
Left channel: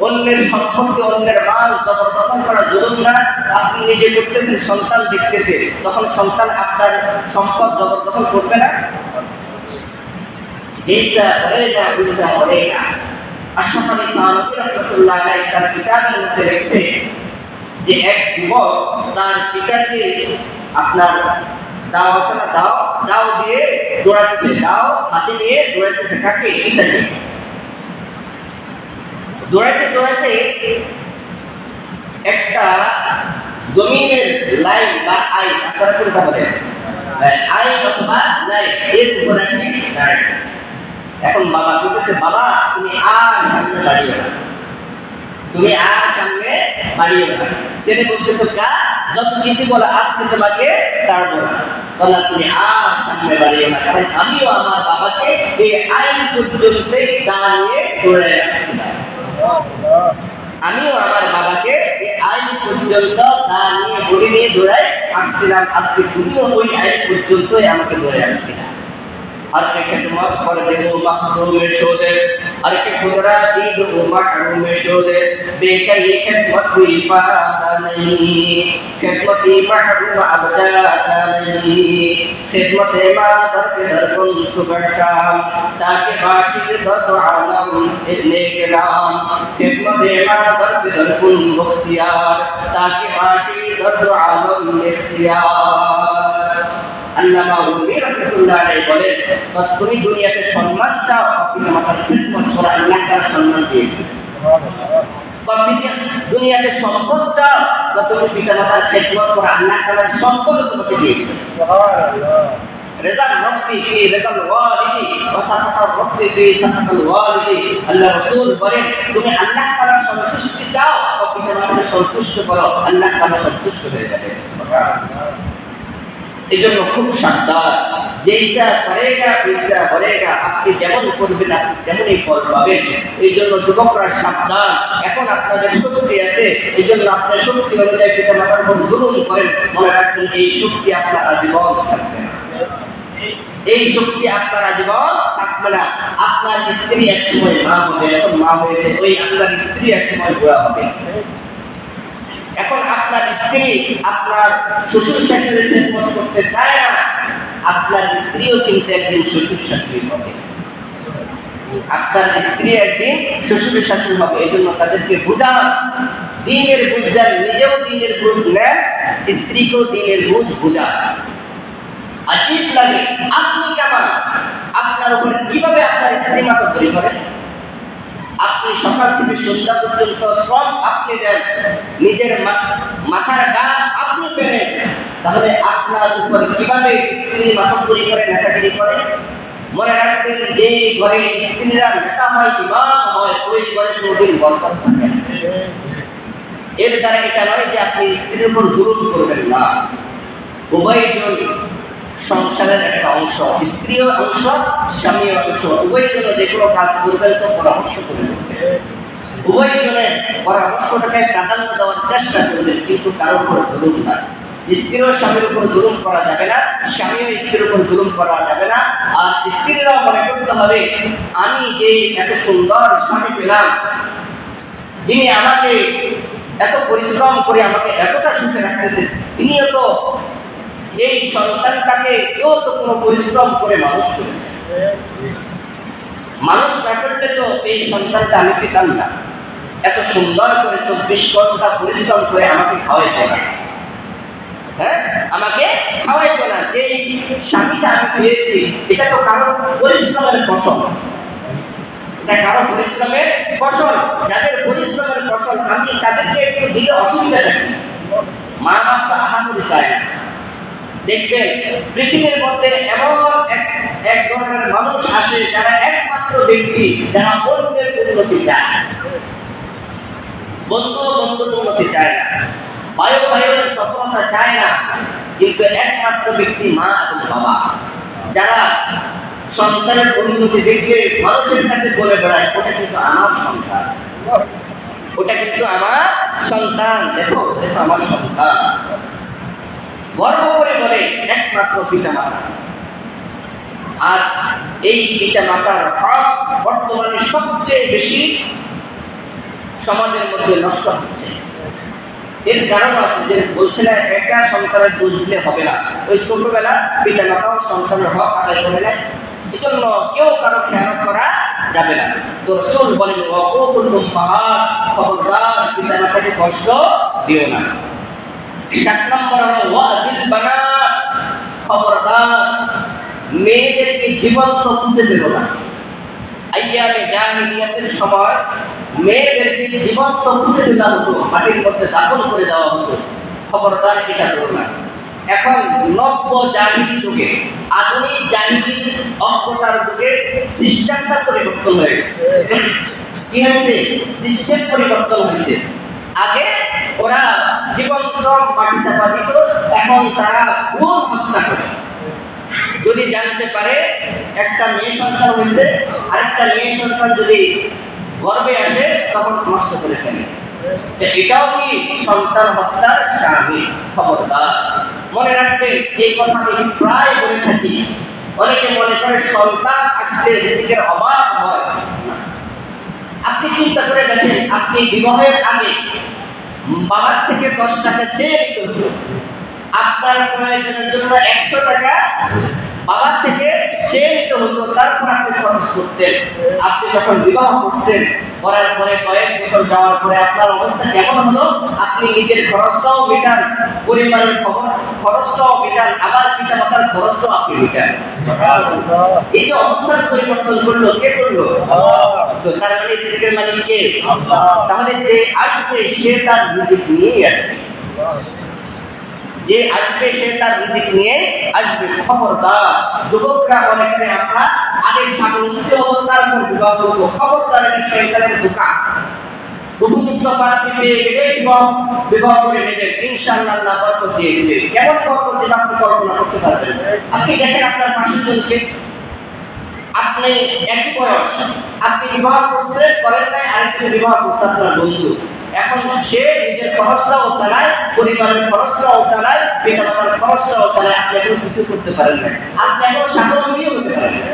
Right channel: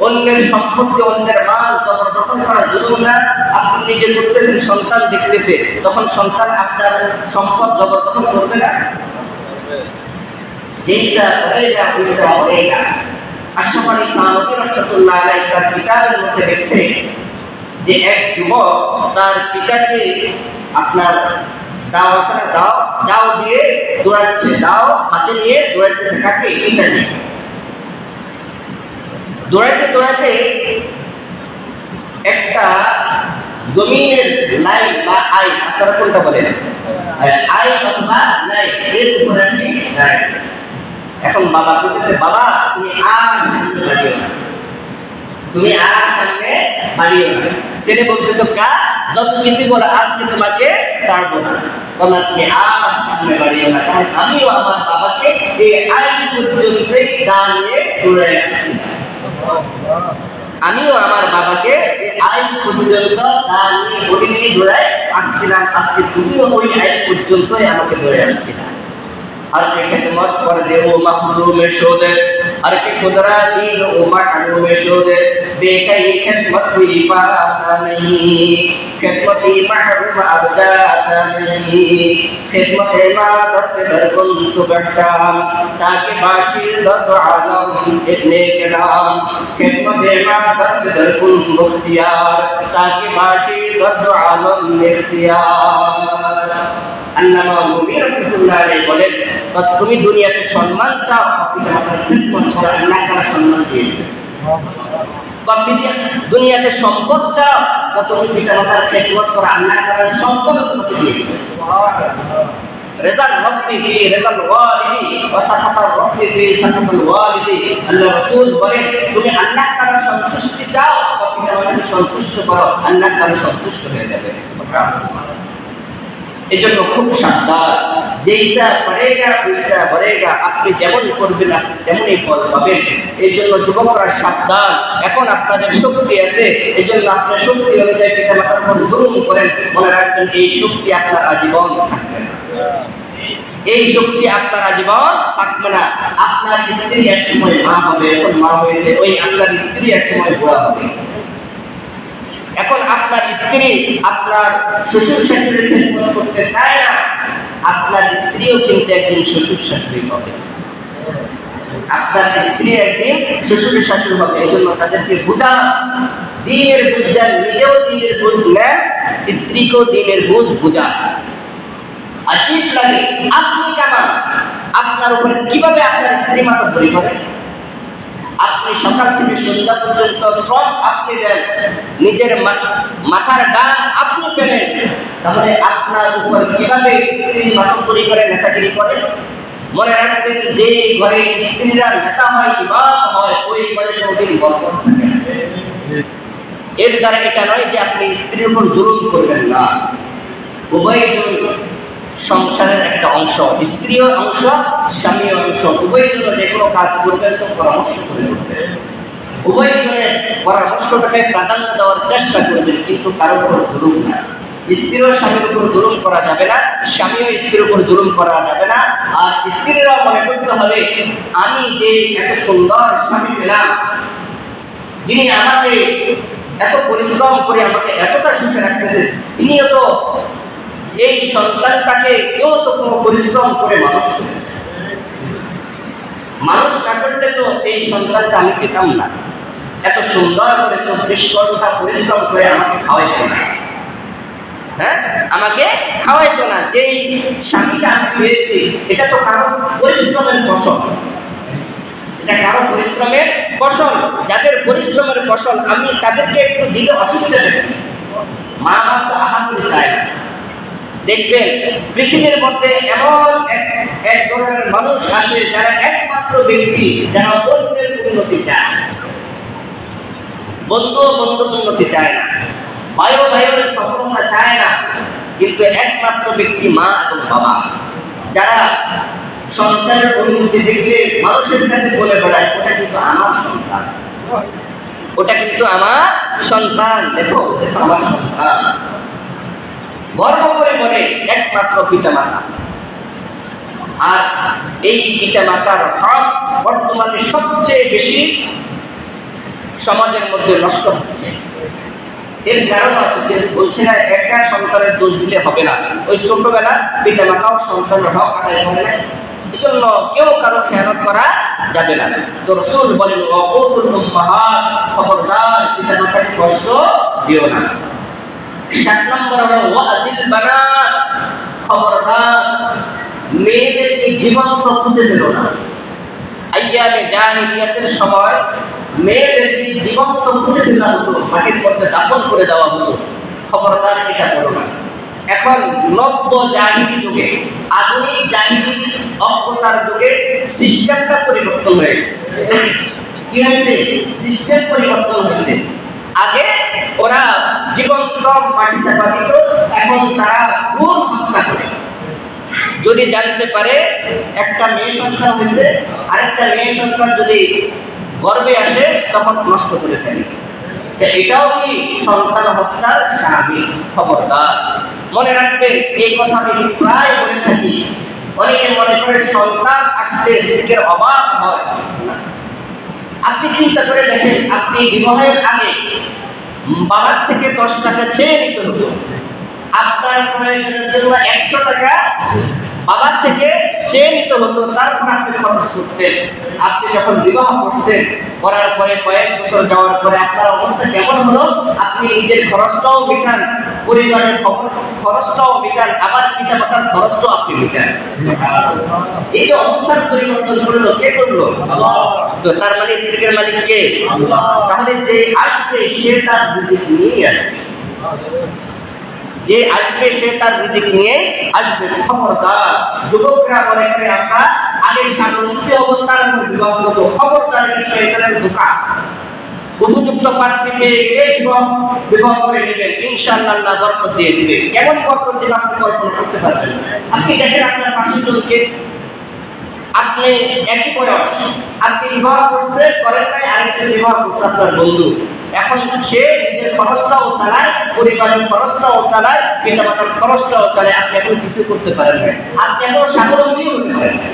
অন্যের সম্পত্তি, অন্যের মাল জবরদখল করা জুলুম না? আপনি নিজে করতেছেন, সন্তান দেখতেছে, তখন সন্তান আপনার সম্পদ জবরদখল করবে না? যেইসা করেগা ওইসা করেগা। আশরাফ আলী থানভী রাহমাতুল্লাহ আলাইহি তার কিতাবের মধ্যে লিখছে যে এক যুবক তার পিতাকে আপনার দাও দিয়ে দৌড়াচ্ছে, দাও হাতে নিয়ে দৌড়াইতেছে। কাকে? পিতাকে। দৌড়াতে একটা জমিনের লাইন বা আইন, আপনারা কোনটা বলেন, আইন অথবা লাইন, এর উপর আছে দাঁড়াইছে। এখন বাবা বলতেছে, বাবা তুমি আর সামনে বাড়িও না, তুমি আর সামনে বাড়িও না। ছেলে বলতেছো, কা যত কিছু বলো আজকে তোমাকে ছাড়বো না, বলা তুমি আর সামনে বাড়িও না, কারণ আমিও আমার বাবাকে এই আইন পর্যন্তই গা নিয়ে দৌড়ে রাখছিলাম। আমিও আমার বাবাকে এই আইন পর্যন্ত গা নিয়ে বডি নিয়ে দৌড়াই আসছিলাম, আজকে তুমিও ওই আইন পর্যন্তই আমাকে দৌড়ে আসছিলাম। আর কে খেদমত করে দেবো মাহদুমে শোদে और के खुदरा दीद उमर में शोदे बेकई खिदमत हुई पाता नहीं खिदमती महरूम अब जाता नहीं खिदमत मादर से दरकुन सुबह शाम ताकि बाशिर दर्द आलम इतने के नाम खिदमत मादर से दरकुन मुख्तियार ताकि बाशिर दर्द आलम इख्तियार। আল্লামা রুমি রাহমাতুল্লাহ আলাইহি বলেন, তুমি দুনিয়াতে সম্মান চাও, পিতামাতার খিদমত করো, আল্লাহ তাআলা সম্মান দিয়ে দিবেন। দুনিয়াতে সম্পদ চাও, তুমি পিতামাতার খিদমত করো, আল্লাহ তাআলা সম্পদ তোমাকে দিয়ে দিবেন। সুবহানাল্লাহ। রিজাল রব্বি ফি রিজাল ওয়ালিদি ওয়া সাখাতার রব্বি ফি সাখাতাল ওয়ালিদি। আল্লাহ রাসূল বলেন, তুমি আল্লাহ তাআলার সন্তুষ্টি চাও, পিতামাতাকে সন্তুষ্ট করো, আল্লাহ তাআলা সন্তুষ্ট হয়ে যাবে। সুবহানাল্লাহ। এজন্য খুব সাবধান, যে ইচ্ছা করেগা ইচ্ছা করেগা, আপনি যেমন করবেন আপনি তেমনই ফল পাবেন। এই জন্য যুবকরা সাবধান, এখন আপনাদের শক্তি আছে, এই জন্য আপনার শক্তি অনুযায়ী পিতা মাতার উপর জুলুম করেন, মনে রাখবেন এই শক্তি আপনার আজীবন থাকবে না, এই শক্তি আপনার আজীবন থাকবে না। আপনার স্ত্রী একসময় মা হবে, এখন মা হয়েছে, ওই আপনার স্ত্রী একসময় বুড়া হবে। এখন আপনার স্ত্রী আপনার শ্বশুর শাশুড়ির খেদমত করতে চায় না, আপনার স্ত্রীও কিন্তু একদিন শ্বশুর শাশুড়ি হবে, আপনার স্ত্রী একদিন শ্বশুর শাশুড়ি হবে। এই জন্য তাদেরকে বুঝান, দিনের বুঝ দেন, নিজেও দিনের বুঝ নেন, স্ত্রীকেও দিনের বুঝ বুঝান। আজীব লাগে, আপনি কেমন, আপনার উপর কিভাবে আপনার স্ত্রী মাতব্বরি করে? আপনি সকাল থেকে সন্ধ্যা পর্যন্ত শ্রম আপনি দেন, নিজের মাথার গান আপনি পেলেন, তাহলে আপনার উপর কিভাবে স্ত্রী মাতব্বরি করে, নেতাগিরি করে? মনে রাখবেন, যে ঘরে স্ত্রীরা নেতা হয়, ইমাম হয়, ওই ঘরে কোনোদিন বরকত থাকে না। এর দ্বারা এটা নয় যে আপনি স্ত্রীর উপর জুলুম করবেন না, উভয়জন সংসারের একটা অংশ, স্ত্রীও অংশ, স্বামীও অংশ, উভয়জন যে কোনো কাজ করবেন তো পরামর্শ করে করবেন, উভয়জনের পরামর্শটাকে প্রাধান্য দেওয়ার চেষ্টা করবেন, কিন্তু কারোর উপর জুলুম না। স্ত্রীও স্বামীর উপর জুলুম করা যাবে না, স্বামীও স্ত্রীর উপর জুলুম করা যাবে না। আর স্ত্রীরাও মনে করতে হবে, আমি যে এত সুন্দর স্বামী পেলাম, যিনি আমাকে এত পরিশ্রম করে আমাকে এতটা সুখে রাখতেছে, তিনিও তো এই সন্তানটাকে কেউ তো কোনো পরিশ্রম করে মানুষ করেছে, মানুষ না করলে তো এই সন্তানটা আমি পেতাম না, এত সুন্দর করে 24 ঘন্টা পরিশ্রম করে আমাকে খাওয়াইতো না, হ্যাঁ আমাকে খাওয়াইতো না। যেই স্বামীটা আমি পেয়েছি এটা তো কারো পরিশ্রমের ফসল, এটা কারো পরিশ্রমের ফসল। যাদের পরিশ্রমের ফসল আমি তাদেরকে একটু দিলে অসুবিধা নেই, মা বাপ তো আহামরি চায় না। দেখবেন পৃথিবীর মধ্যে এমন এক ধরনের মানুষ আছে যারা একমাত্র ব্যক্তি যারা অন্যের উন্নতি চায়, বন্ধু বন্ধুর উন্নতি চায় না, ভাইয়ের সফলতা চায় না, কিন্তু একমাত্র ব্যক্তি মা এবং বাবা, যারা সন্তানের উন্নতি দেখলে মানুষের কাছে বলে বেড়ায়, ওটা কিন্তু আমার সন্তান, ওটা কিন্তু আমার সন্তান, দেখো দেখো আমার সন্তান, গর্ব করে বলে একমাত্র পিতামাতা। আর এই পিতামাতার হক বর্তমানে সবচেয়ে বেশি সমাজের মধ্যে নষ্ট হচ্ছে। এর কারণ আছে যে বলছে না একটা সন্তানের দোষ দিলে হবে না, ওই ছোটবেলা পিতামাতাও সন্তানের হক আদায় করে নেয়, এজন্য কেউ কারো খেয়ানত করা যাবে না। তো রাসূল বলেন, ওয়াকুতুল উম্মাহাত, খবরদার পিতামাতাকে কষ্ট দিও না। 7 নম্বর হলো ওয়াদিল বানাত, খবরদার মেয়েদেরকে জীবন্ত পুঁতে দিও না। আইয়ামে জাহিলিয়াতের সময় মেয়েদেরকে জীবন্ত পুঁতে দেওয়া হতো, মাটির মধ্যে দাফন করে দেওয়া হতো, খবরদার এটা করো না। এখন নব্য জাহিলি যুগে, আধুনিক জাহিলি অজ্ঞতার যুগে সিস্টেমটা পরিবর্তন হয়ে গেছে। কি হয়েছে? সিস্টেম পরিবর্তন হয়েছে। আগে ওরা জীবন্ত মাটি চাপা দিত, এখন তারা ভ্রূণ হত্যা করে। যদি জানতে পারে একটা মেয়ে সন্তান হয়েছে, আরেকটা মেয়ে সন্তান যদি গর্ভে আসে তখন নষ্ট করে ফেলে। এটাও কি সন্তান হত্যার শামিল? খবরদার মনে রাখবেন, এই কথা আমি প্রায় বলে থাকি। অনেকে মনে করে সন্তান আসলে রিজিকের অভাব হয়, আপনি চিন্তা করে দেখেন, আপনি বিবাহের আগে বাবার থেকে 10 টাকা চেয়ে নিতে হতো, আপনার প্রয়োজনের জন্য 100 টাকা বাবার থেকে চেয়ে নিতে হতো, তারপর আপনি খরচ করতেন। আপনি যখন বিবাহ করছেন, করার পরে কয়েক বছর যাওয়ার পরে আপনার অবস্থা কেমন হলো? আপনি নিজের খরচটাও মেটান, পরিবারের খরচটাও মেটান, আবার পিতামাতার খরচটাও আপনি মেটান। এই যে অবস্থার পরিবর্তন করলো, কে করলো? তো তার মানে রিজিকের মালিক কে? তাহলে যে আসবে সে তার রিজিক নিয়েই আসবে, যে আসবে সে তার রিজিক নিয়ে আসবে। খবরদার যুবকরা মনে করে আমরা আগে স্বাবলম্বী হব তারপর বিবাহ করবো, খবরদার, এটা শয়তানের ধোঁকা। উপযুক্ত পাত্রী পেয়ে গেলে বিবাহ করে নেবেন, ইনশাআল্লাহ আল্লাহ বরকত দিয়ে দিবে। কেমন বরকত দিবে আপনি কল্পনা করতে পারবেন? আপনি দেখেন আপনার পাশের জনকে, আপনি একই বয়স, আপনি বিবাহ করছেন, করেন নাই, আরেকজন বিবাহ করছে আপনার বন্ধু। এখন সে নিজের খরচটাও চালায়, পরিবারের খরচটাও চালায়, পিতামাতার খরচটাও চালায়, আপনি এখন কিছু করতে পারেন না, আপনি এখন স্বাবলম্বী হতে পারেন না।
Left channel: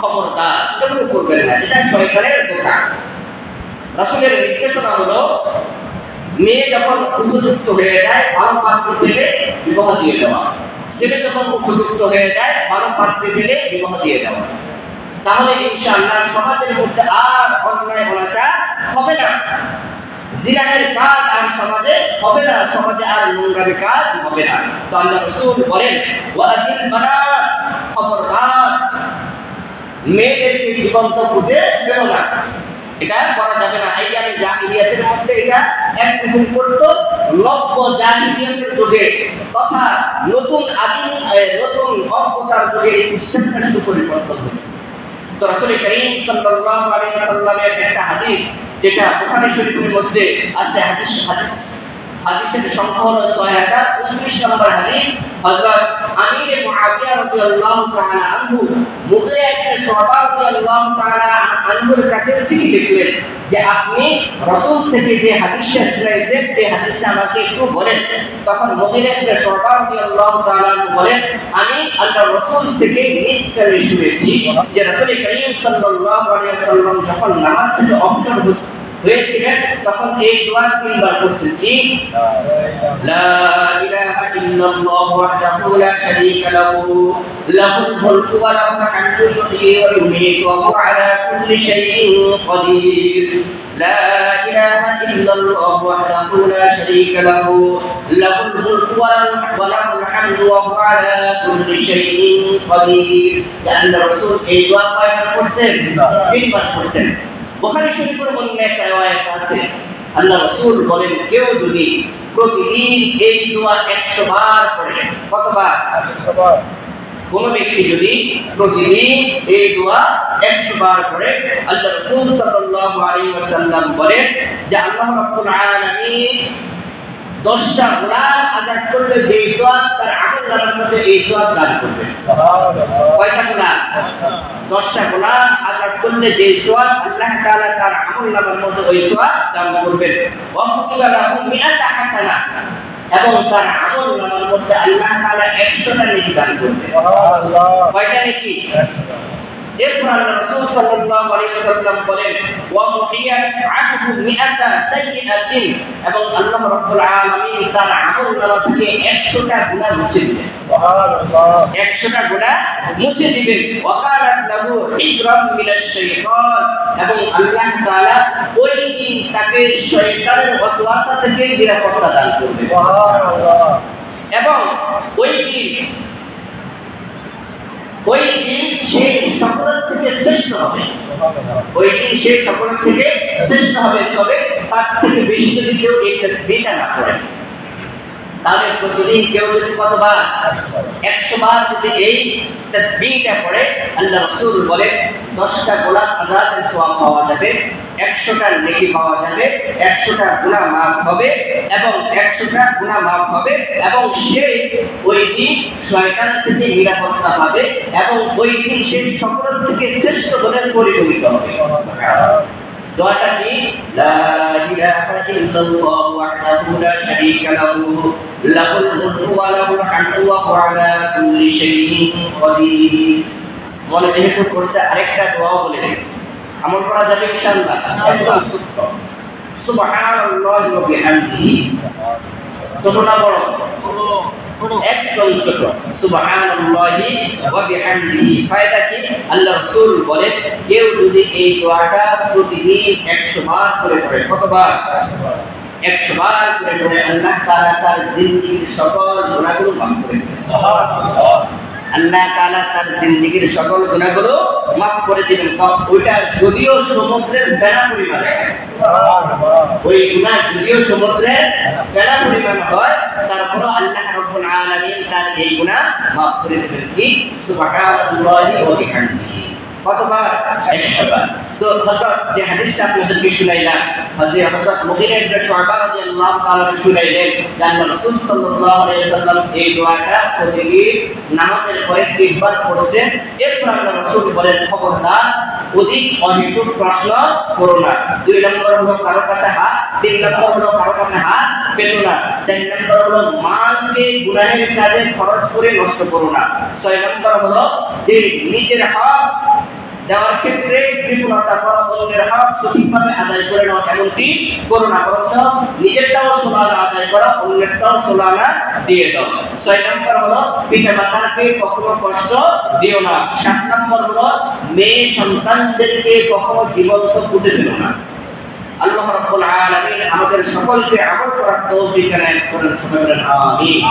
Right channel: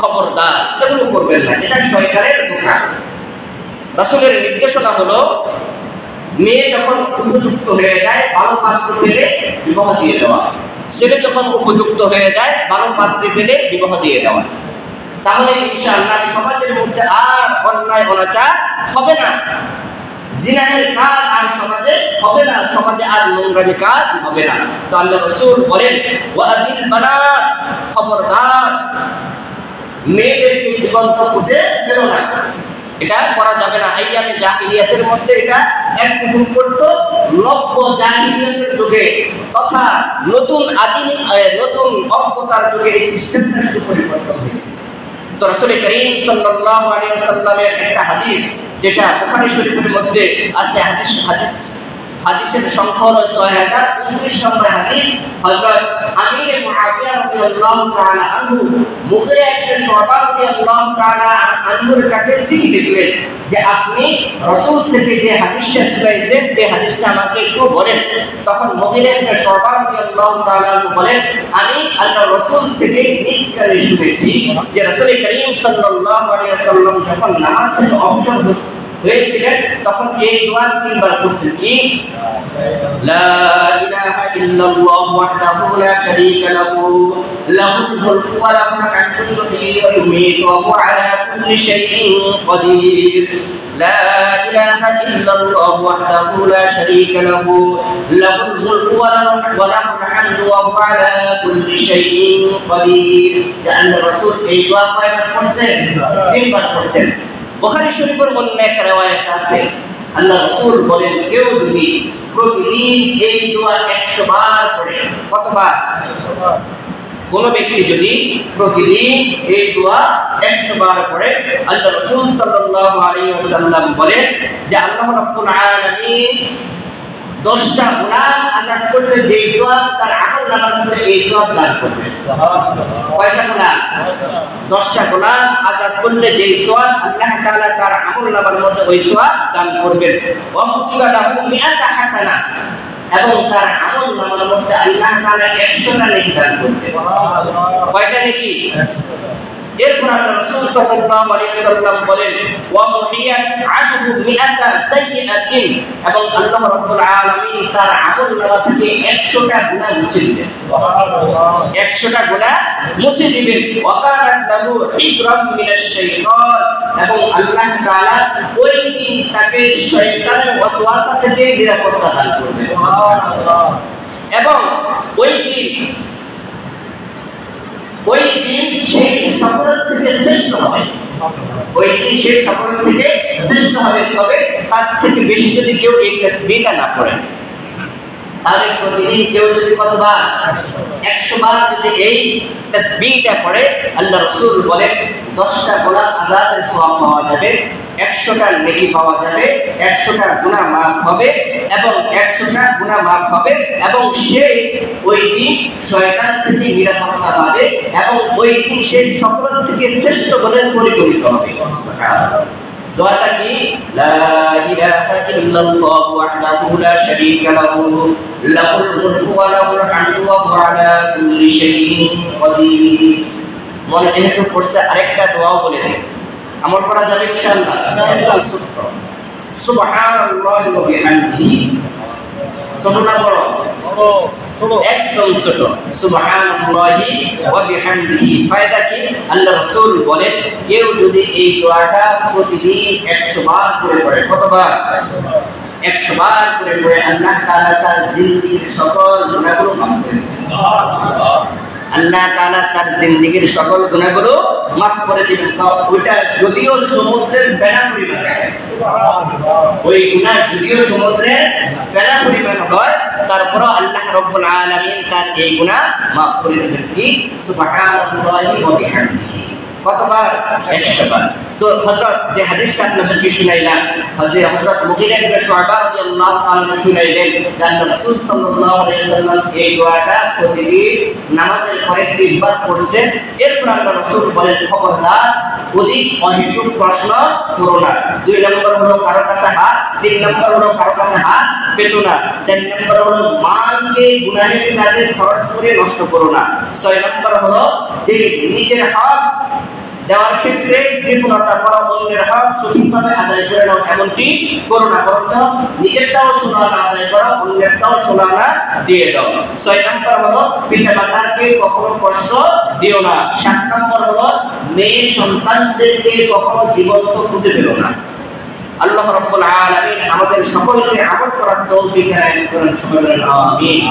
খবরদার এগুলো করবেন না, এটা শয়তানের ধোঁকা। রাসূলের নির্দেশনা হলো, মেয়ে যখন উপযুক্ত হয়ে যায়, ভালো পাত্র পেলে বিবাহ দিয়ে দেওয়া। ছেলে যখন উপযুক্ত হয়ে যায়, ভালো পাত্রী পেলে বিবাহ দিয়ে দেওয়া। তাহলে ইনশাআল্লাহ সমাজের মধ্যে আর অন্যায় অনাচার হবে না, জিনাহের কাজ আর সমাজে হবে না, সমাজে আর নোংরামি কাজ হবে না। তো আল্লাহ রাসূল বলেন, ওয়াদিল বানাত, খবরদার মেয়েদেরকে জীবন্ত পুঁতে ফেলো না, এটা করা যাবে না। আইয়ামে জাহিলিয়াতের মধ্যে এটা এক হুকুম করতো, নব্য জাহিলিয়াতের যুগে তথা নতুন অজ্ঞতার যুগে এই সিস্টেমটা শুধু পরিবর্তন হয়েছে। তো রাসূল করিম সাল্লাল্লাহু আলাইহি ওয়াসাল্লামের একটা হাদিস, যেটা বুখারী শরীফের মধ্যে আছে, হাদিসের সংখ্যা হলো 6029 নম্বর হাদিস। হযরত আমির মুআবিয়া রাদিয়াল্লাহু তাআলা আনহু মুগিরা ইবনে শুবা রাদিয়াল্লাহু তাআলা আনহুর কাছে চিঠি লিখলেন যে আপনি রাসূল থেকে যে হাদিসটা শুনাইছেন, এই হাদিসটা আমাকে একটু বলেন। তখন মুগিরা ইবনে শুবা রাদিয়াল্লাহু তাআলা বলেন, আমি আল্লাহর রাসূল থেকে নিজ কানে শুনেছি যে রাসূল করিম সাল্লাল্লাহু আলাইহি ওয়াসাল্লাম যখন নামাজ থেকে অবসর হয়েছিলেন তখন এই দোয়া 3 বার করছেন, কি? লা ইলাহা ইল্লাল্লাহু ওয়াহদাহু লা শারীকা লাহু লাহুল মুলকু ওয়া লাহুল হামদু ইউহয়ী ওয়া ইউমীতু ওয়া হুয়া আলা কুল্লি শাইইন কাদির। লা ইলাহা ইল্লাল্লাহু ওয়াহদাহু লা শারীকা লাহু লাহুল মুলকু ওয়া লাহুল হামদু ওয়া হুয়া আলা কুল্লি শাইইন কাদির। আল্লাহ রাসূল এই দোয়া কয়বার করছেন? 3 বার করছেন। বুখারী শরীফের অন্য এক riwayat আছে, আল্লাহ রাসূল বলেন, কেউ যদি প্রতিদিন এই দোয়া 100 বার পড়ে, কতবার? 100 বার। কোন ব্যক্তি যদি প্রতিদিন এই দোয়া 100 বার পড়ে, আল্লাহ রাসূল সাল্লাল্লাহু আলাইহি ওয়াসাল্লাম বলেন যে আল্লাহ রাব্বুল আলামিন 10টা গুনাহ আযাদ করলে যে সওয়াব তার আমলনামার মধ্যে এই সওয়াব দান করবে। সুবহানাল্লাহ। কয়টা গুনাহ? 10টা গুনাহ আযাদ করলে যে সওয়াব আল্লাহ তাআলা তার আমলনামার মধ্যে ওই সওয়াব দান করবেন। ওয়া কুতিবা লাহু মিআতা হাসানাহ, এবং তার আমলনামার মধ্যে আল্লাহ তাআলা 100টা নেকি দান করবে। সুবহানাল্লাহ। কয়টা নেকি? 100টা। এরপর আল্লাহ রাসূল সাল্লাল্লাহু আলাইহি ওয়াসাল্লাম বলেন, ওয়া মুহিয়াত আনহু মিআতা সাইয়্যাতিন, এবং আল্লাহ রাব্বুল আলামিন তার আমলনামা থেকে 100টা গুনাহ মুছে দিবেন। সুবহানাল্লাহ। 100টা গুনাহ মুছে দিবেন। ওয়া কানাত লাহু হিজরাম মিনাশ শাইতান, এবং আল্লাহ তাআলা ওই দিন তাকে শয়তানের ওয়াসওয়াসা থেকে নিরাপত্তা দান করবেন। সুবহানাল্লাহ। এবং ওই দিন সেই সকলের থেকে শ্রেষ্ঠ হবে, ওই দিন সেই সকলের থেকে শ্রেষ্ঠ হবে। তবে তার থেকে বেশি যদি কেউ এই তাসবিহটা না পড়ে, তাহলে প্রতিদিন কেউ যদি কতবার? 100 বার যদি এই তাসবিহটা পড়ে, আল্লাহ রাসূল বলেন 10টা গুনাহ আযাদের সওয়াব পাওয়া যাবে, 100টা নেকি পাওয়া যাবে, 100টা গুনাহ মাফ হবে, এবং 100টা গুনাহ মাফ হবে, এবং সে ওই দিন শয়তান থেকে নিরাপত্তা পাবে, এবং ওই দিন সে সকলের থেকে শ্রেষ্ঠ বলে পরিগণিত হবে। দোয়াটা কি? লা ইলাহা ইল্লাল্লাহু ওয়াহদাহু লা শারীকা লাহু লাহুল মুলকু ওয়া লাহুল হামদু ওয়া হুয়া আলা কুল্লি শাইইন কাদির। মনে যেহেতু পড়ছে আরেকটা দোয়াও বলে দিই, আমল করা যাবে ইনশাআল্লাহ? একদম সত্য। সুবহানাল্লাহি ওয়া বিহামদিহি, ছোট না বড়? একদম ছোট। সুবহানাল্লাহি ওয়া বিহামদিহি ফায়দা কি? আল্লাহ রাসূল বলেন কেউ যদি এই দোয়াটা প্রতিদিন 100 বার করে পড়ে, কতবার? 100 বার করে পড়ে, আল্লাহ তাআলা তার জিন্দেগীর সকল গুনাহগুলো মাফ করে দেন। সুবহানাল্লাহ। আল্লাহ তাআলা তার জিন্দেগীর সকল গুনাহগুলো মাফ করে দিবেন। ওইটা যদিও সমুদ্রের বেলা পরিমাণ, ওই গুনাহ যদিও সমুদ্রের বেলা পরিমাণ হয়, তারপরও আল্লাহ রাব্বুল আলামিন তার এই গুনাহ মাফ করে দিবেন। কি? সুবহানাল্লাহি ওয়া বিহামদিহি। কতবার? 100 বার। তো হযরত যে হাদিসটা আপনাদেরকে শুনাইলাম, হযরত মুগীরা ইবনে শুআবা রাদিয়াল্লাহু তাআলা শুনাইলেন যে আল্লাহ রাসূল সাল্লাল্লাহু আলাইহি ওয়াসাল্লাম এই দোয়াটা প্রতিদিন নামাজের পরে 3 বার পড়ছেন। এরপর আল্লাহ রাসূল বলেন, খবরদার অধিক অহেতুক প্রশ্ন করো না। 2 নম্বর হলো কারো কাছে হাত, 3 নম্বর হলো কারো কাছে হাত পেতো না, 4 নম্বর হলো মালকে গুনাহের কাজে খরচ করে নষ্ট করো না, 6 নম্বর হলো যে নিজের হক দেওয়ার ক্ষেত্রে কৃপণতা করা, অন্যের হক সঠিকভাবে আদায় করে নাও এমনটি করো না, বরঞ্চ নিজেরটাও সোনানা আদায় করা, অন্যেরটাও সোনানা দিয়ে দাও। 6 নম্বর হলো পিতা মাতাকে কখনো কষ্ট দিও না। 7 নম্বর হলো মেয়ে সন্তানদেরকে কখনো জীবন্ত পুঁতে দিও না। আল্লাহ রাব্বুল আলামিন আমাদের সকলকে আমল করার তৌফিক দান করেন। সকলে বলেন আমিন।